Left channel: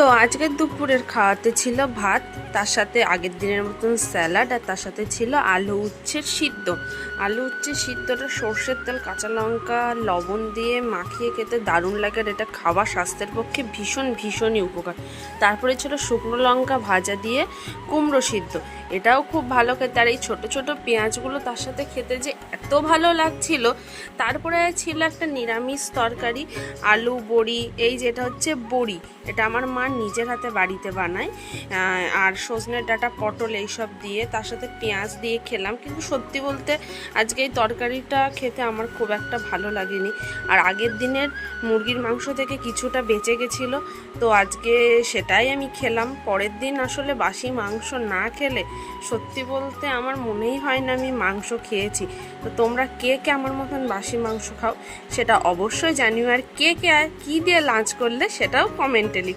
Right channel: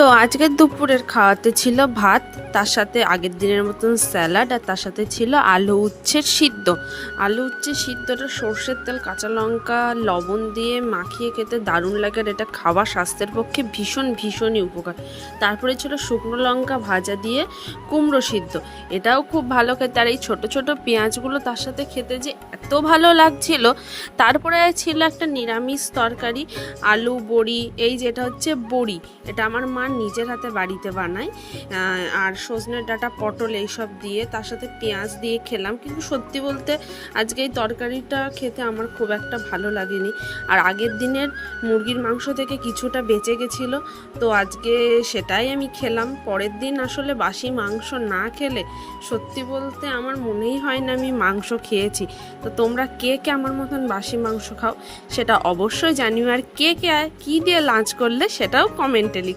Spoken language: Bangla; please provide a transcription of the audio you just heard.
তো আজকের দুপুরের খাওয়াতে ছিল ভাত, তার সাথে আগের দিনের মতন স্যালাড, আর তার সাথে ছিল আলু উচ্ছের সিদ্ধ। আলু উচ্ছের সিদ্ধটা সর্ষের তেল, কাঁচা লঙ্কা, লবণ দিয়ে মাখিয়ে খেতে দারুণ লাগে। আর এটা খাওয়া স্বাস্থ্যের পক্ষে ভীষণই উপকার। তারপরে ছিল শুকনো লঙ্কা ভাজা দিয়ে কুমড়ো সিদ্ধ, এটাও খুব ভালো খেতে। আর এই ছোটো ছোটো পেঁয়াজগুলো তার সাথে খেতে যে এত ভালো লাগছিল। তারপরে ছিল একটা নিরামিষ তরকারি, আলু বড়ি, এই যেটা হচ্ছে বড়ি, এটা আমার মা নিজের হাতে বাড়িতে বানায়। আর সজনে ডাঁটা, পটল এইসব দিয়ে তার সাথে পেঁয়াজ দিয়ে খেলাম। কিন্তু সত্যি বলতে আজকে এই তরকারিটা খেতে আমার খুব একটা ভালো লাগেনি। আর আগের দিনের মুরগির মাংস থেকে কিছুটা বেঁচে গেছিলো, তো আজকে সেটাই আমি খেলাম। পরের দিন আসলে বাসি মাংস না খেলে সত্যি বলতে আমার মনেই হয় না আমি মাংস খেয়েছি। তো তোমরা কে কে আমার মতন বাসি মাংস খাও সেটা অবশ্যই জানিও। আর কে কে কী দিয়ে লাঞ্চ করলে সেটাও কমেন্টে লিখো।